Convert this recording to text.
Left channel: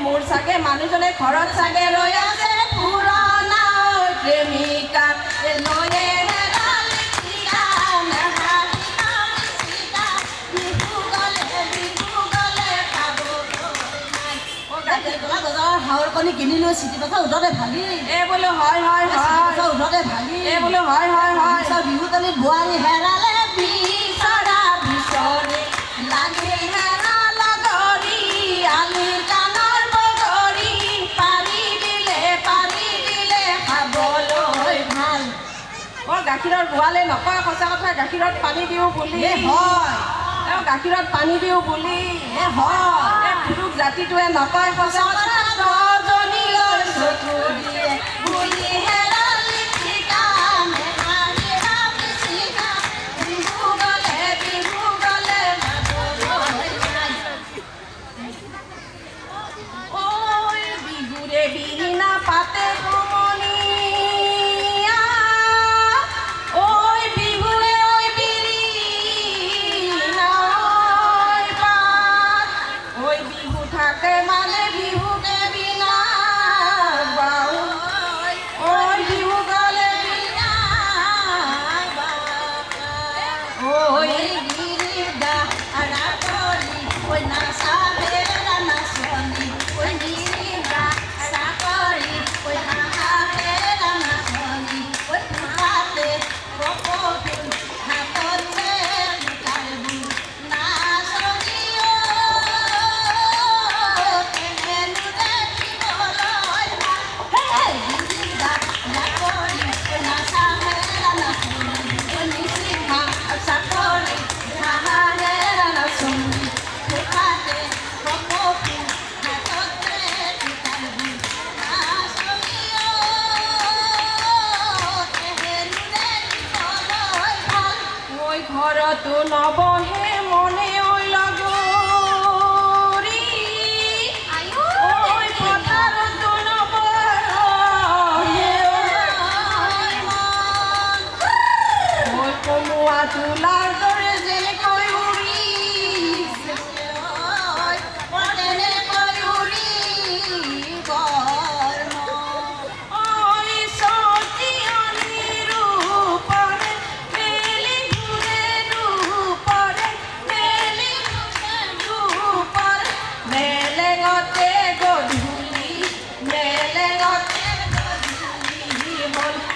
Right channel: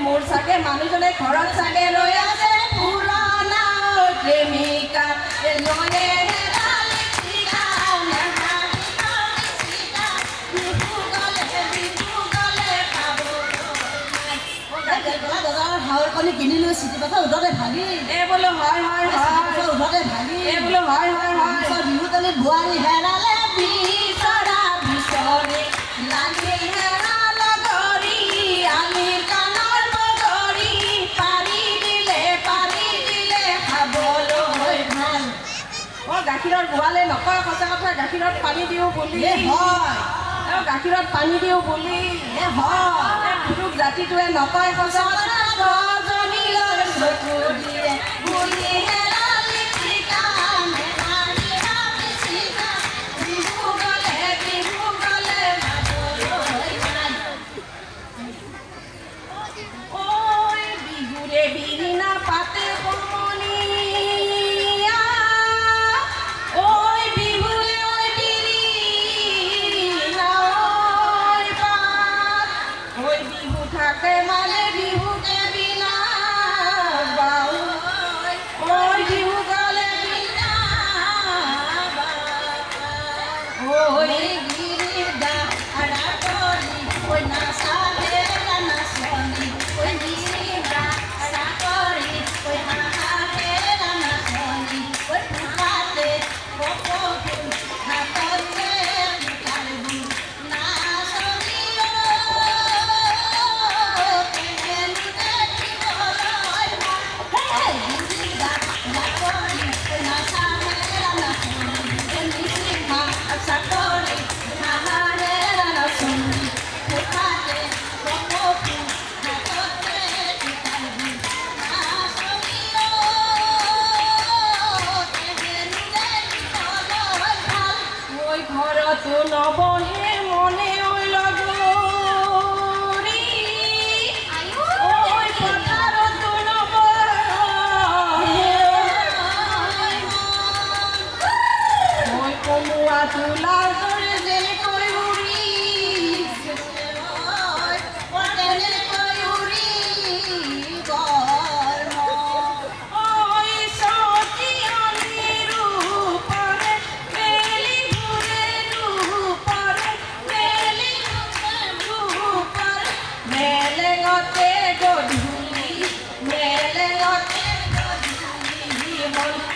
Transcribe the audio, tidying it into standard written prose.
মোৰ চাগে মানুহজনে ঘৰত চাগে ৰৈ আছে পুৰণা প্ৰেমিকা নয়ে ঢাকনি কিনি লৈ চিটি পাছৰ উদতে ভাবি এই বোলো হয় হয় হয় উদতে ভাবি এই বোলো হয় হয় হয় বিহু তলি বোৱাৰী হেৰালে বিচৰা বিচৰে লাগে হেৰা লগৰী আলি কাণৰ বগৰী পাৰি দিলে খাবলৈ ভাল গাখীৰৰ গোৱালে নকয় সঁচা কথা গাখীৰত পানী দিওঁ বুলি হয় গাখীৰত পানী দিওঁ বুলি হয় পুৰুষ জাতিটোৱে নকয় সঁচা কথা ৰজনীলৈ চকু দিয়ে বুলি হেৰালি ঠিকানে বিহু গলে যাবলৈ নাই। ঐ বিহুৰে বিৰিণা পাতে কমনীয়া ঐ বিহুৱে ঐ বিৰিণা ঐ পাত ঐ বিহু থাকে মানে বিহুকে বিনা বাউ ঐ বিহু গলে বিনা ঐ গিৰিদা ৰাতৰি ঐ নাচালে নাচনি ঐ গিৰিদা ৰাতৰি ঐ নাচালে নাচনি ঐ ফুটাতে ৰপটো হাততে লুকাইবি নাচনি কেনেকে দিবলৈ ভাল গিৰিদা ৰাতৰি ঐ নাচালে নাচনি ঐ নিচিনা চাকৰি নাহালে নাচনি ফুটাতে ৰপটো হাততে লুকাইবি নাচনি ঐ ঘৰতো নবহে মনে ঐ লগৰী ঐ পথাৰতো নবহে ঐ কমুৱা তোলাৰ দৰে যেনেকৈ উৰি ঐ চকিয়নিৰ ৰূপৰে মেলি ঘূৰে ৰূপৰে মেলি ঘূৰে ৰূপৰে মেলেঙতে গধূলি হ'ল